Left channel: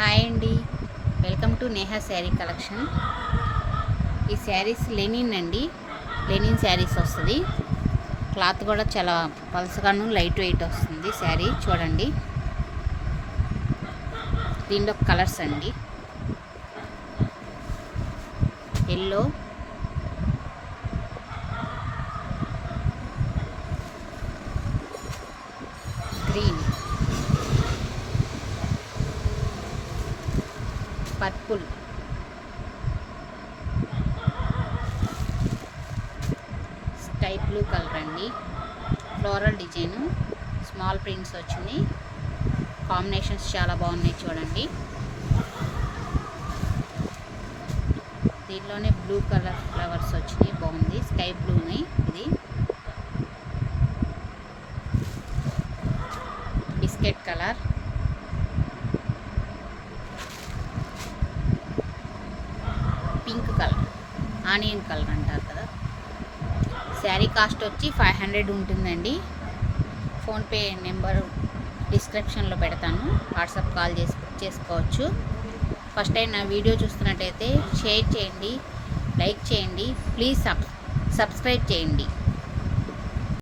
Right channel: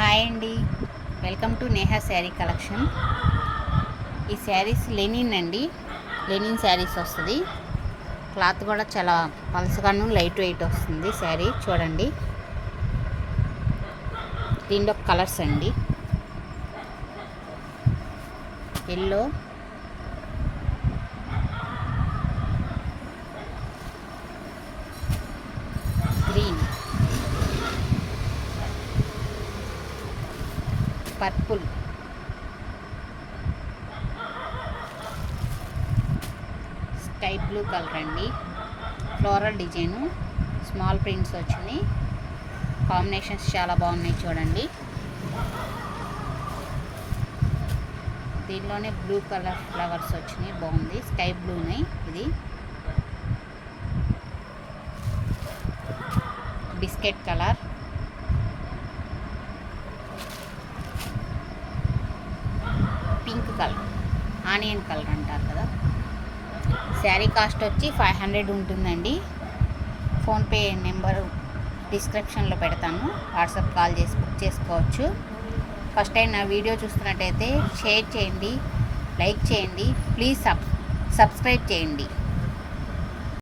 Hi అండి, welcome to Neha sari collection. ఈ saris Lenin అండి, లెనిన్ శారీస్ వస్తుంది. క్లాత్ కూడా చాలా పలసగాను లైట్ వెయిట్ వస్తుంది. శారీ చూడండి, దీనిలో కలర్స్ అండి, yellow, green, purple, sky blue colour అండి. ఫ్లోరల్ డిజైను, స్మాల్ ప్రింట్స్ వచ్చినాయి. కాంబినేషన్స్ చాలా బాగున్నాయి చూడండి. దీనిలోనే బ్లూ కలర్ ఫ్లవర్స్ వచ్చినాయి, బాగుంది. స్కై బ్లూని ఇది biscuit colour, pink colour, onion colour అంటారు కదా. శారీ కాస్ట్ వచ్చి 500 ఉంటుందండి. ఫోన్పే నెంబర్ డిస్క్రిప్షన్లో పెడతాను, వాట్సాప్ కాల్ చేసి బుక్ చేసుకోవచ్చు. ఫస్ట్ టైం నా వీడియో చూస్తున్నట్టయితే షేర్ చేయండి, లైక్ చేయండి, ప్లీజ్ సబ్స్క్రైబ్ చేయండి.